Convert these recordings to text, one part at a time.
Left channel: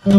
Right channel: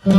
Bilbiller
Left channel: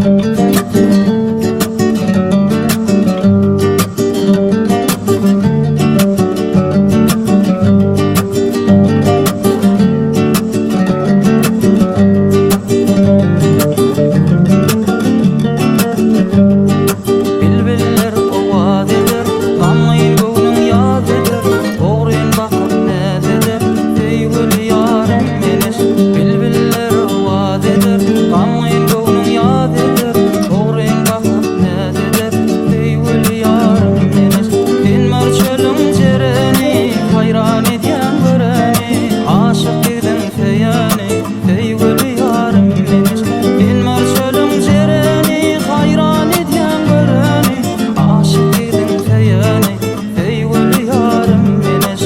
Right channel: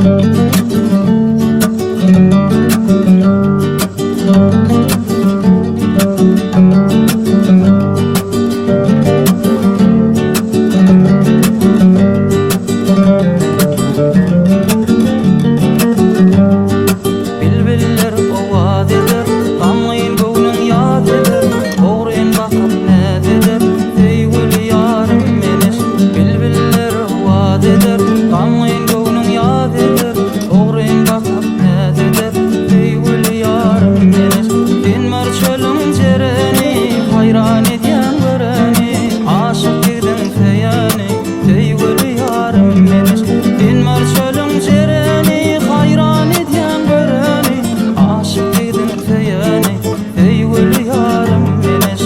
owad eder, gamyň göwnüň ýad eder. Ogren bakyp nädeder, feýgül ýarym menes. Bilbiller owad eder, gamyň göwnüň ýad eder. Ogren bakyp nädeder, feýgül ýarym menes. Sen marçalyň jereni, hayran edýän göreni. Aşyk digdiň feýani, feýgül ýarym menes. Sen marçalyň jereni, hayran edýän göreni. Aşyk digdiň feýani, feýgül ýarym menes.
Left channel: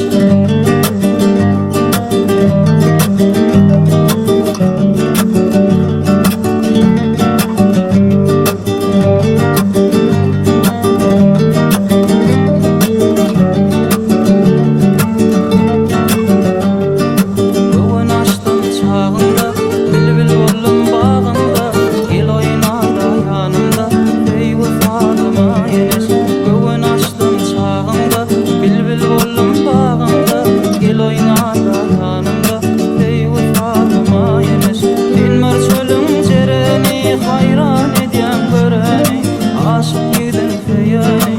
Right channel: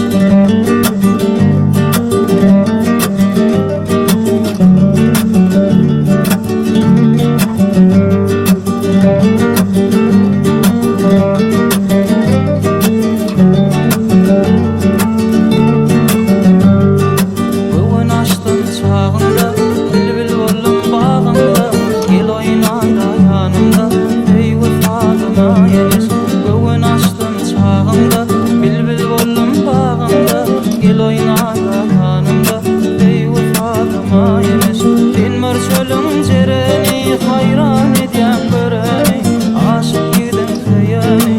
Göwen açdym çağında, bilbil boldum bagynda. Gel oýnayda ýanymda, feýgül Fadyma enes. Göwen açdym çağında, bilbil boldum bagynda. Gel oýnayda ýanymda, feýgül Fadyma enes. Sen marçalyň jereni, hayran edýän göreni. Aşyk ýigdiň feýani,